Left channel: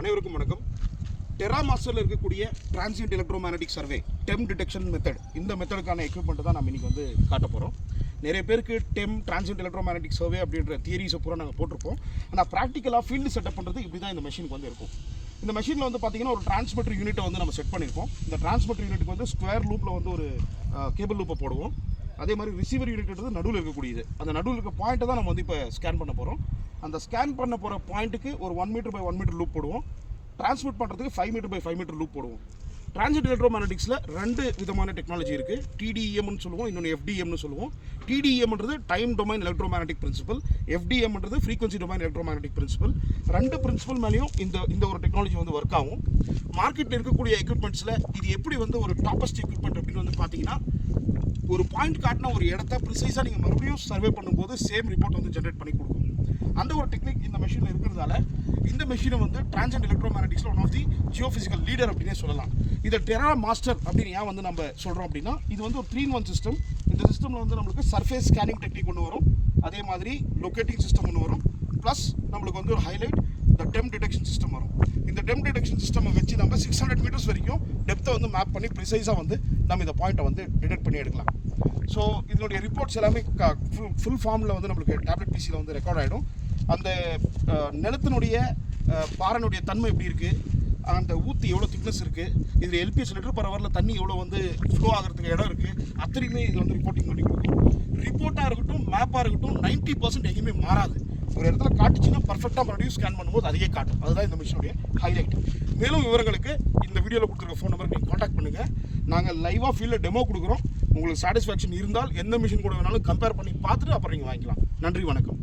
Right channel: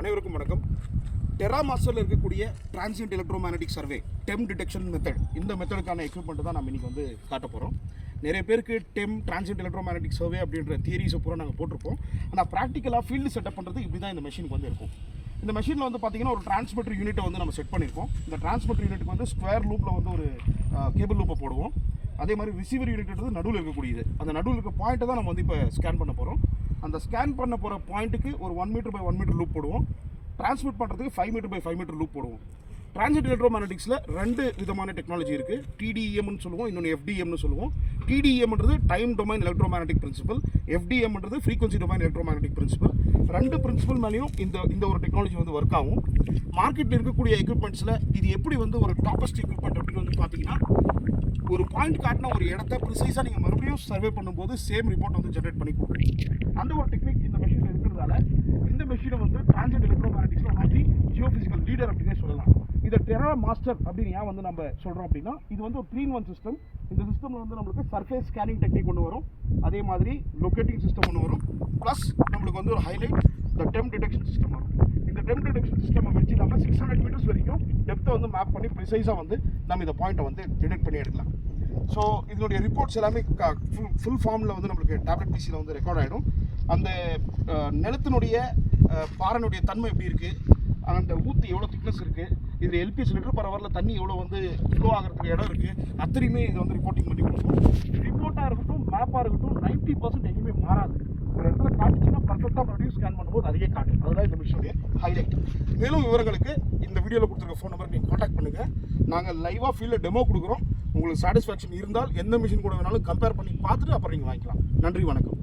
அனைவருக்கும் வணக்கம். டெராமாஸ்டரில் இருக்கக்கூடிய transient electromagnetic survey TEM detection method, இந்த மெத்தடுக்கான எக்யூப்மெண்ட் தான் நம்ம இன்றைக்கி வந்து காட்ட போகிறோம். நிறைய பேருக்கு டெம் டிரான்சியன்ட் எலக்ட்ரோமேக்னெட்டிக் சர்வே அப்படின்ற தியரிஸை பூரா நாங்கள் போட்டிருப்போம். ஆனால் ப்ராக்டிக்கலாக ஃபீல்டு செட்டப் பண்ணுறது இப்படி தான் இந்த மெஷினுக்கு வந்து இருக்கும். இந்த மெஷினில் வந்து பார்த்திங்கன்னா ஒரு டிரான்ஸ்மிட்டர் யூனிட்டை வந்து நம்ம செட் பண்ணியிருக்கோம். இந்த டிரான்ஸ்மிட்டர் யூனிட்டுக்கு வந்து ஸ்கொயர் லூப்பில் வந்து ஒரு கேபிள் லூப்பை போடுவோம். அதே மாதிரி ரிசீவர் யூனிட் நடுவில் இருக்கக்கூடியது, அந்த நடுவில் இருக்க பாயிண்ட்டை தான் நம்ம வந்து இப்போ ஸ்கேன் பண்ண போகிறோம். அந்த ஸ்கேன் பண்ண போகிற பாயிண்ட்டுக்கு ஒரு 1 மீட்டர் பை 1 மீட்டர் லூப் போடுவோம். டிரான்ஸ்மிட் பண்ணுறதுக்கு 5 மீட்டர் பை 5 மீட்டர் லூப் போடுவோம். டிரான்சியன்ட் எலக்ட்ரோமேக்னெட்டிக்ஸில் 2 விதமான டெக்னாலஜி இருக்குது. டிடிஎம்னு சொல்லுவோம், இன்னொன்று எஃப்டிஎம்னு சொல்லுவோம். டிடிஎம்ன்றது டைம் டொமைன் எலக்ட்ரோமேக்னெட்டிக் பிரின்சிபல், எஃப்டிஎம்ன்றது frequency domain electromagnetic principle. 2 principle மேலேயும் இந்த ஒரு டெக்னாலஜி வந்து ஒர்க் ஆகும். மார்க்கெட்டில் இருக்கக்கூடிய எக்யூப்மெண்ட்ஸில் இது எப்படி வந்து ஒரு டாப்பஸ்ட் எக்யூப்மெண்ட் அப்படின்னு வந்து பார்த்தீங்கன்னா, ஒரு பாயிண்ட் காட்டின ஒரு இடத்த ப்ரிசைஸாக நீங்கள் மறுபடியும் சர்வே பண்ணும்போது சேம் ரிப்போர்ட் வந்து ஜென்ரேட் பண்ணி கொடுக்கும். அந்த ஒரு டெக்னிக் இந்த மெஷினில் இருக்கிறதால இந்த மெஷினை வந்து டிரான்சியன்ட் எலக்ட்ரோமேக்னெட்டிக்ஸில் one of the geophysical leader அப்படின்னே சொல்லலாம். இதை டெரா மாஸ்டர் அப்படின்னு ஏன் வந்து நம்ம சொல்கிறோம் அப்படின்னா, இது வந்து ஒரு 3-in-1 சிஸ்டம். இந்த சிஸ்டமில் வந்து நம்மளுக்கு சர்ஃபேஸ் ஸ்கேனிங் டெக்னிக் ஒன்று வரும், அதே மாதிரி லொக்கேட்டிங் சிஸ்டம் ஒன்று வரும், ப்ளஸ் நம்மளுக்கு வந்து ஒரு ஹைலைட் இந்த டெம் டிடெக்ஷன் சிஸ்டம் வரும். இந்த டெம் டிடெக்ஷன் சிஸ்டம் வச்சு நம்ம 600 மீட்டர்ஸ் வரைக்கும் டெப்த்தை வந்து மேப் பண்ணி ப்ரிசைஸாக வந்து நம்ம இந்த பாயிண்ட்டை வந்து டிடெக்ட் பண்ணி எடுக்கலாம். ஸோ இதனுடைய ரிப்போர்ட்ஸ் எல்லாமே ஃபுல் ஃபார்மில் வந்து நம்மளுக்கு டேப்லெட் பிசியில் வந்து ரெக்கார்ட் ஆகிடும். அந்த நிலத்தினுடைய பாறைனுடைய தன்மை எப்படி இருக்குது, அந்த ஊற்றி எவ்வளோ திக்னஸ் இருக்குது, இதில் எல்பிஎஸ் லிட்டர் பர் ஹவரில் தண்ணி எவ்வளோ வந்து ஃப்ளோ ஆகிறதுக்கு இடம் இருக்குது, அத்தனையுமே இதில் வந்து ரிப்போர்ட்டிங் பண்ணி கொடுக்கும். ரிப்போர்ட்டாக இருக்கட்டும், மேப்பாக இருக்கட்டும், 90% எங்கேயுமே மாறாது. ஒரு இடத்துல காட்டுச்சுன்னா பர்ஃபெக்டாக மறுபடியும் ஸ்கேன் பண்ணும்போது அதையே காட்டும். அதுதான் இந்த மிஷினுடைய ஹைலைட். மேலும் விவரங்களுக்கு இந்த வீடியோவில் கொடுத்துருக்க ஃபோன் நம்பருக்கு நீங்கள் காண்டாக்ட் பண்ணுங்கள். நாங்கள் லைவாக ஃபீல்டில் டெமோ கொடுக்குறோம். உங்களுக்கு சாட்டிஸ்ஃபேக்ஷன் இருந்தால் எந்த மிஷின் கூட வேணாலும் கம்பேர் பண்ணி பார்த்துட்டு அப்புறம் நீங்கள் வாங்கிக்கலாம். நன்றி, வணக்கம்.